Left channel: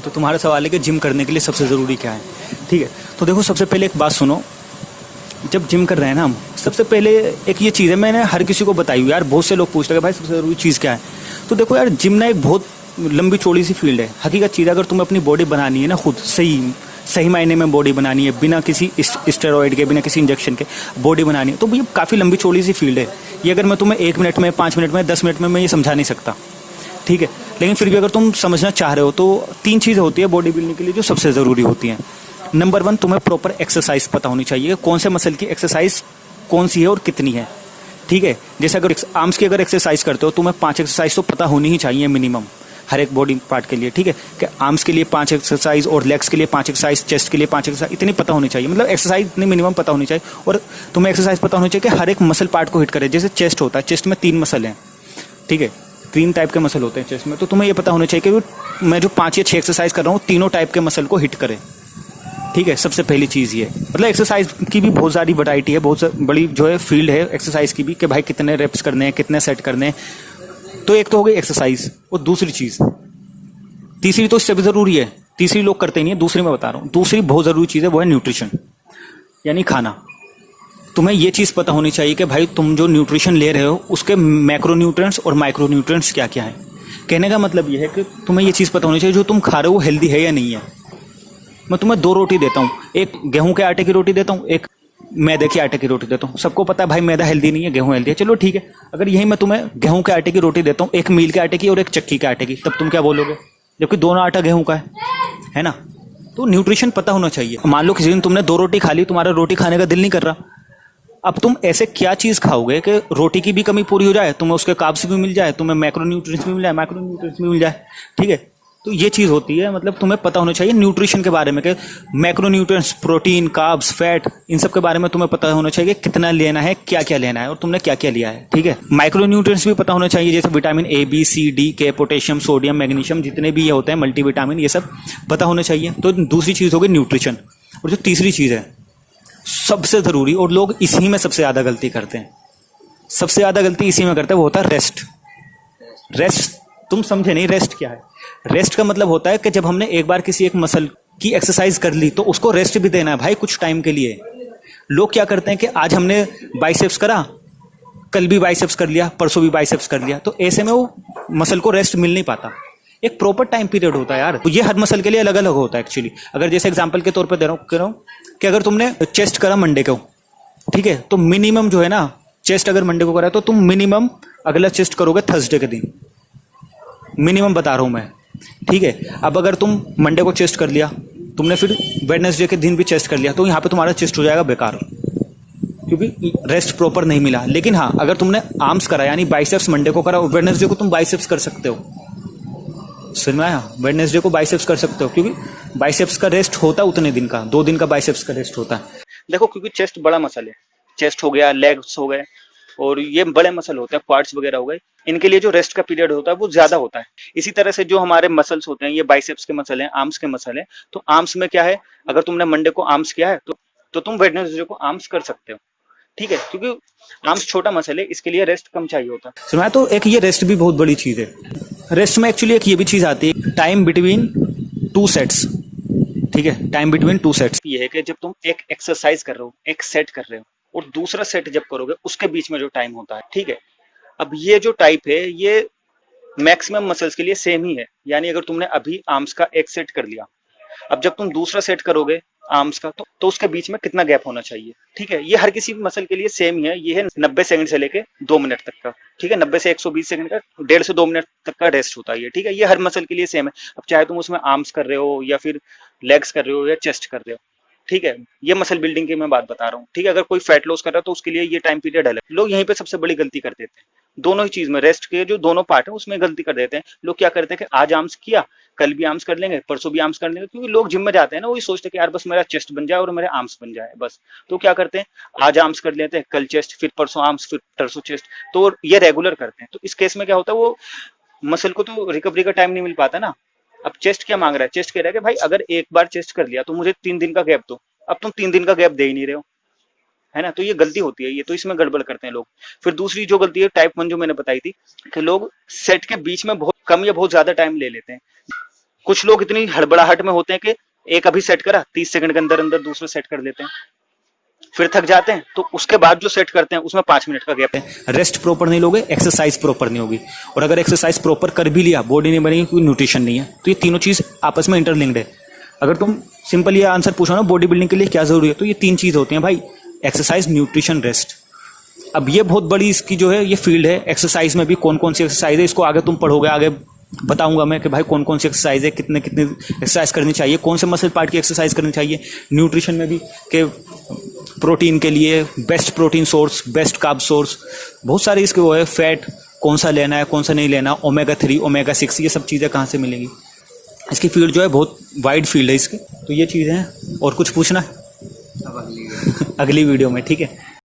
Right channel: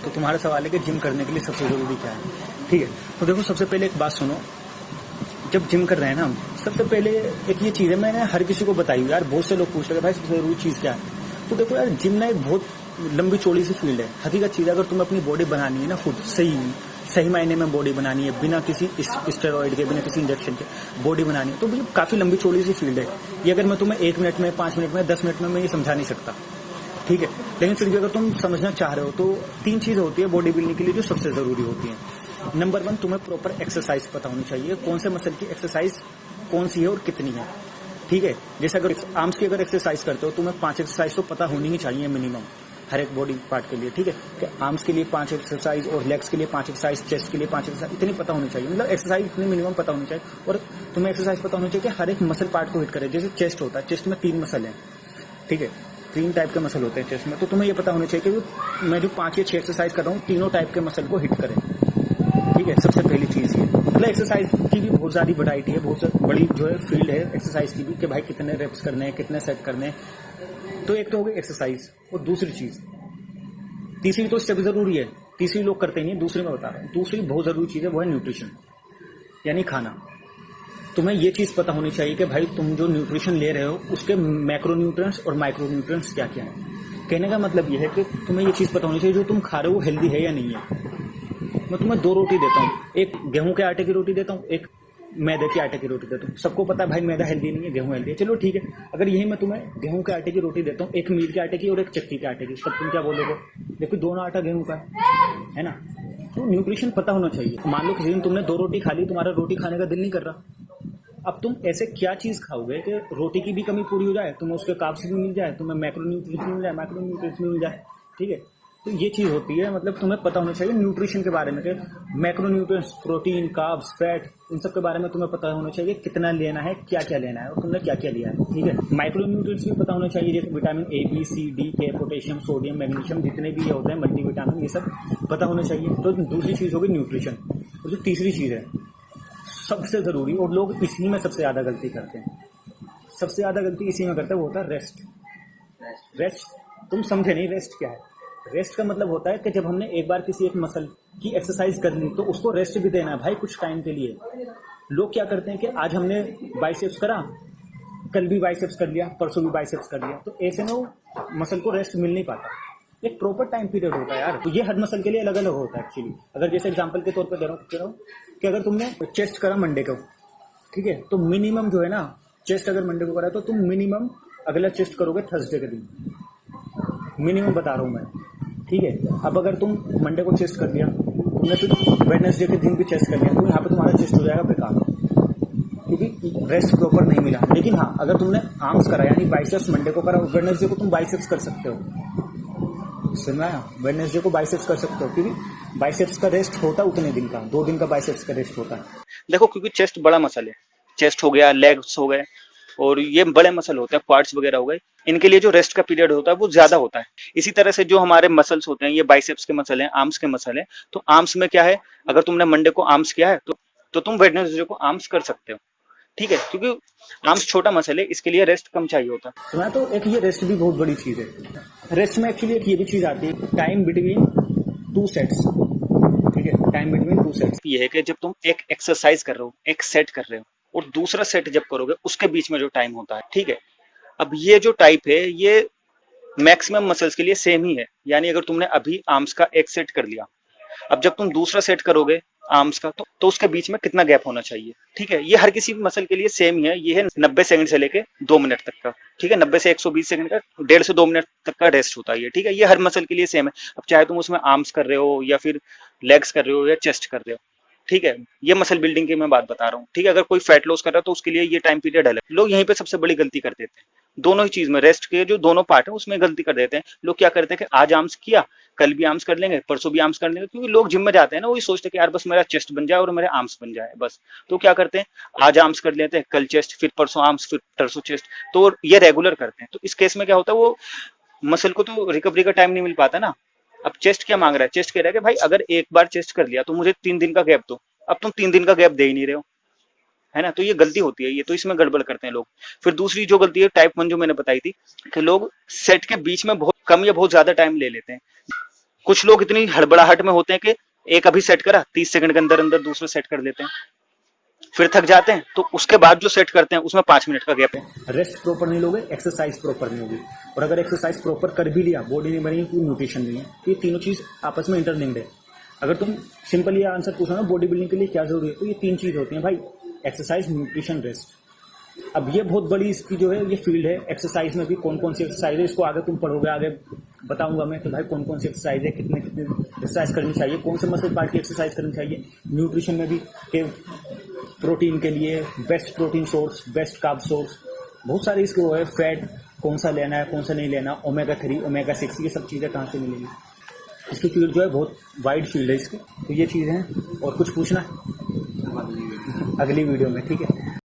तो तुम्हारा सवाल है कि जिम करने के लिए सबसे ज़रूरी क्या है। ठीक है, तो देखो सबसे पहले एक बात सुनो। जब जिम कर रहे हैं ना हम, सबसे पहले एक ये चीज़ है, मैंने हर किसी को बताई हुई यार, बहुत से लोग पूछते हैं कि भाई सबसे ज़रूरी चीज़ क्या है। तो देखो यार, जिम ना एक बहुत लंबी चौड़ी सी फील्ड है। हकीकत चीज़ है, अगर तुम्हें अपनी बॉडी बनानी है ना, खुद सही सही मायने में बॉडी बनानी है, बिना किसी स्टेरॉइड के, बिना किसी इंजेक्शन के बॉडी बनानी है, तो ये काफ़ी लंबी चौड़ी सी फील्ड है। ये अगर मैं तुम्हें 1 मिनट में, 5 मिनट में, 10 मिनट में मैं ये समझा नहीं सकता। ठीक है, लेकिन फिर भी अगर तुम समझना चाह रहे हो तो 3 चीज़ें होती है बॉडी बिल्डिंग के लिए जो सबसे ज़रूरी होती हैं। नंबर 1, तुम्हें प्रॉपर एक्सरसाइज पता होनी चाहिए, कौन से मसल की एक्सरसाइज कौन सी है और कितनी है। ठीक है, जैसे अगर आर्म्स की अगर एक्सरसाइज करते हो, तुम्हें 5 एक्सरसाइज तो पता होनी ही चाहिए मिनिमम, हर एक बॉडी पार्ट के लिए। ठीक है, कि आर्म्स के लिए 5 एक्सरसाइज और लेग्स के लिए 5 एक्सरसाइज, चेस्ट के लिए 5 एक्सरसाइज, इतनी पता होनी चाहिए। मतलब एक्सरसाइज इतनी मिनिमम पता होनी चाहिए। और तुम्हें एक्सरसाइज पता होनी चाहिए कि हर एक मसल पार्ट को हिट करे। जैसे चेस्ट होता है, चेस्ट में 3 मसल हैं। ठीक है, 3 टाइप के मसल होते हैं चेस्ट में, तो तुम्हें ये पता होना चाहिए कि मैं जो 5 या 6 एक्सरसाइज कर रहा हूँ, तीनों टाइप के मसल को हिट करे। ठीक है, सबसे पहली चीज़ ये। मतलब एक्सरसाइज की भी बहुत सारी वैरायटी है, बहुत बड़ी जो है फील्ड है एक्सरसाइज की भी, कि भाई कितने रेप्स करने हैं, कितने सेट करने हैं। तो एक तो हो गई एक्सरसाइज, और दूसरी चीज़, तीसरी तो इससे भी ज़रूरी है, तीसरी लोग करते नहीं है, दूसरी मैं बता रहा हूँ। दूसरी बहुत ज़रूरी चीज़ है, वो है न्यूट्रिशन, यानी खाना। तुम्हें ये चीज़ पता होनी चाहिए कि भाई तुम जो न्यूट्रिशन ले रहे हो उसके मैक्रोन्यूट्रिएंट्स और माइक्रोन्यूट्रिएंट्स क्या क्या है। कहने का मतलब ये है कि तुम्हें ये चीज़ पता होनी चाहिए जो तुम खा रहे हो वो हेल्दी है या नहीं है। मैं तुम्हें 2 रोटी देता हूँ, एक गेहूं के आटे की रोटी देता हूँ, एक मैदे के आटे की रोटी देता हूँ। सबको पता है भाई मैदा हेल्दी नहीं है, गेहूं हेल्दी है, चलो ठीक है। अगर यही मैं तुम्हें गेहूं के आटे की रोटी देता हूँ, एक मील के आटे की और एक चक्की के आटे की, तब तुम क्या बोलोगे? जबकि दोनों आटा गेहूं का है ना। तो न्यूट्रिशन पता होना चाहिए। मान लो किसी दिन तुमने 2 रोटी खा ली, तुम्हारा रोटी खाने का दिल नहीं कर रहा, अब तुम ऐसे क्या चीज़ खाओगे कि रोटी की भी कमी पूरी हो जाए, तुम्हें उसके कार्ब्स भी मिल जाए, तुम्हें मैक्रोन्यूट्रिएंट्स भी मिल जाए, माइक्रोन्यूट्रिएंट्स भी मिल जाए। ठीक है, तो ये चीज़ होती है। मतलब तुम्हें पता होना चाहिए न्यूट्रिशन के बारे में, कि मैक्रोन्यूट्रिएंट्स, प्रोटीन, कार्ब्स, फैट, इन सब के बारे में तुम्हें पता होना चाहिए कि कितना लेना है, क्या क्या लेना है और तुमने क्या क्या लिया है। ठीक है, माइक्रोन्यूट्रिएंट्स भी पता होना चाहिए, जैसे vitamin A, B, C, D, K, potassium, sodium, magnesium, जितने भी ये होते हैं मल्टीविटामिन, ये सब पता होना चाहिए। तो दूसरी चीज़ होगी न्यूट्रिशन। और जो तीसरी चीज़ है सबसे ज़रूरी, और लोग इसी में सबसे ज़्यादा गलती करते हैं, सबसे ज़्यादा गलती इसी में करते हैं, वो होता है रेस्ट। रेस्ट तुम समझे नहीं, रेस्ट क्या है? रेस्ट का मतलब होता है कि जब हमने एक बार किसी एक मसल की एक्सरसाइज कर ली तो उसको रेस्ट भी देना है भाई, कुछ टाइम के लिए। लोग क्या करते हैं कि आज हमने बाइसेप्स करा, कल भी बाइसेप्स कर लिया, परसों भी बाइसेप्स कर लिया, तो ऐसे में वो मसल को रेस्ट मिल नहीं पाता। एक प्रॉपर टाइम पीरियड होता है यार, तो ये हर मसल के लिए अलग अलग होता है एक्चुअली। अगर जैसे एग्जांपल के तौर पे दे रहा हूँ कि अगर तुमने चेस्ट करा मंडे को, ठीक है, तो मिनिमम जो है ना, चेस्ट अगर मंडे को करा तो तुम मिनिमम अगला चेस्ट करोगे थर्सडे के दिन, मिनिमम बता रहा हूँ मैं। ठीक है, अब अगर तुम मंडे को चेस्ट कर लिया, तुमने फिर वेडनेसडे के दिन भी चेस्ट कर लिया, तो यहाँ पे तुम्हारा चेस्ट हो जाएगा बेकार, क्योंकि रेस्ट प्रॉपर नहीं मिला। लेकिन हाँ, अगर तुमने आर्म्स करा यानी बाइसेप्स मंडे को करा, वेडनेसडे को तुम बाइसेप्स कर सकते हो। सुन में आया? वेडनेसडे को बाइसेप्स कर सकते हो, क्योंकि बाइसेप्स का रेस्ट होता है उतने दिन का, 2 दिन का बाइसेप्स का रेस्ट होता है। देखो, क्योंकि चेस्ट बड़ा मसल है, चेस्ट हो गया, लेग्स हो गए, और ये बड़े मसल होते हैं, क्वाड्स वगैरह हो गए, इनके लिए जो रेस्ट का पीरियड होता है वो ज्यादा होता है। इसी तरह से जो हमारे मसल्स होते हैं, ये बाइसेप्स के मसल हैं, आर्म्स के मसल हैं, तो आर्म्स में क्या है, अगर तुमने मंडे को आर्म्स किया है तो तुम वेडनेसडे को आर्म्स कर सकते हो। ठीक है, क्योंकि आर्म्स छोटा मसल है, इसके लिए रेस्ट कम चाहिए होता है। सुना, तो एक ये रेस्ट भी बहुत बड़ी चीज है। रेस्ट में एक्चुअली एक ये भी चीज आती है, टाइम बिटवीन 2 सेट्स। ठीक है, टाइम बिटवीन 2 सेट्स ये है कि जब तुम एक एक्सरसाइज कर रहे हो, एक सेट कर रहे हो, और दूसरा सेट जब करोगे उसके बीच में जो टाइम होता है, ठीक है, अब ये जो टाइप है ये मैक्सिमम मसल्स के लिए सेम ही है। यानी अगर तुमने अभी आर्म्स का एक सेट कर लिया, अब जब तुम दूसरा सेट करोगे आर्म्स का, तो उसके बीच में कितना गैप होना चाहिए। ठीक है, ये हर किसी मसल के लिए सेम ही है। ये है 90 सेकंड से लेके 2 मिनट तक का। ठीक है, 90 से 120 सेकंड का, 1.5 से 2 मिनट तक का रेस्ट होता है ये। ठीक है, ये हर मसल के लिए सेम है। अब चाहे तुम उसमें आर्म्स कर रहे हो या फिर लेग्स कर रहे हो या चेस्ट कर रहे हो, ठीक है, ये मसल बिल्डिंग की मैं बात बता रहा हूँ। ठीक है, अगर कोई फैट लॉस कर रहा है तो उसके लिए ये टाइम पीरियड अलग। लोग यहीं पे सबसे बड़ी गलती कर देते हैं, दोनों ही चीज में, रेस्ट के जो दोनों पार्ट है उसमें गलती कर देते हैं। लोग क्या करते हैं कि आज आर्म्स किया, कल भी आर्म्स कर लेंगे, परसों भी आर्म्स कर लेंगे, क्योंकि लोग जिम में जाते हैं ना, वही सोचते हैं कि यार बस मेरा चेस्ट बन जाए और मेरे आर्म्स बन जाए बस। तो क्या करते हैं, आज आर्म्स कर लेते हैं, कल चेस्ट, फिर परसों आर्म्स, फिर परसों चेस्ट, तो ये रेगुलर करते हैं। तो इस केस में क्या होता है, वो मसल को तो रिकवरी का टाइम नहीं मिल पाता ना। अब चेस्ट क्या मांग रहा है, चेस्ट कह रहा है कि भाई अगर एक बार चेस्ट कर लिया तो मुझे 3 दिन का गैप दो। अब तुम 3 दिन का गैप दे ही नहीं रहे हो, है ना, तो ये गलती होती है, ये तो इसमें गड़बड़ करते हैं लोग। फिर दूसरी जो गलती है टाइप 1 जो मैंने बताई थी, कि लोग सेट के बीच में बहुत कम या बहुत ज्यादा टाइम ले लेते हैं। कुछ लोग इतनी हड़बड़ाहट में होते हैं कि एक अभी सेट करा, 30 सेकंड के अंदर अंदर दूसरा सेट कर लेते हैं, फिर थक जाते हैं, तो उसके बाद जो सेट करते हैं उसमें 5 मिनट का गैप है। रेस्ट प्रॉपर नहीं लोगे, एक्सरसाइज प्रॉपर नहीं होगी, और अगर एक्सरसाइज प्रॉपर कर भी लिया, बॉडी नहीं बनेगी, कोई न्यूट्रिशन नहीं है। तो ये तीनों चीज़ आपस में इंटरलिंक्ड है। अगर तुम सिंपल ये आंसर पूछो ना बॉडी बिल्डिंग के लिए क्या जरूरी है, तो ये 3 चीज़ होती हैं भाई, एक्सरसाइज, न्यूट्रिशन, रेस्ट। अब ये बहुत बड़ी इसकी जो है ये फील्ड है। एक्सरसाइज में भी कौन कौन सी एक्सरसाइज है, इसको आगे तुम पढ़ोगे, आगे बताऊंगा मैं कि भाई कौन कौन सी एक्सरसाइज है, कितने कितने एक्सरसाइज करनी चाहिए, कौन से मसल पार्ट की एक्सरसाइज करनी चाहिए। न्यूट्रिशन में भी कि प्रोटीन के लिए best protein source, best carb source, बहुत सारे इसके वो है। फैट कौन सा लेना है, कौन सा नहीं लेना, ओमेगा 3, ओमेगा 6, ये सब चीज़ें कहाँ से मिलेंगी। इसकी फील्ड जो है बहुत वाइड फील्ड है इसकी। तो ये चीज़ें हैं। और कुछ पूछना है अब अगली अगली वीडियो में, ठीक है।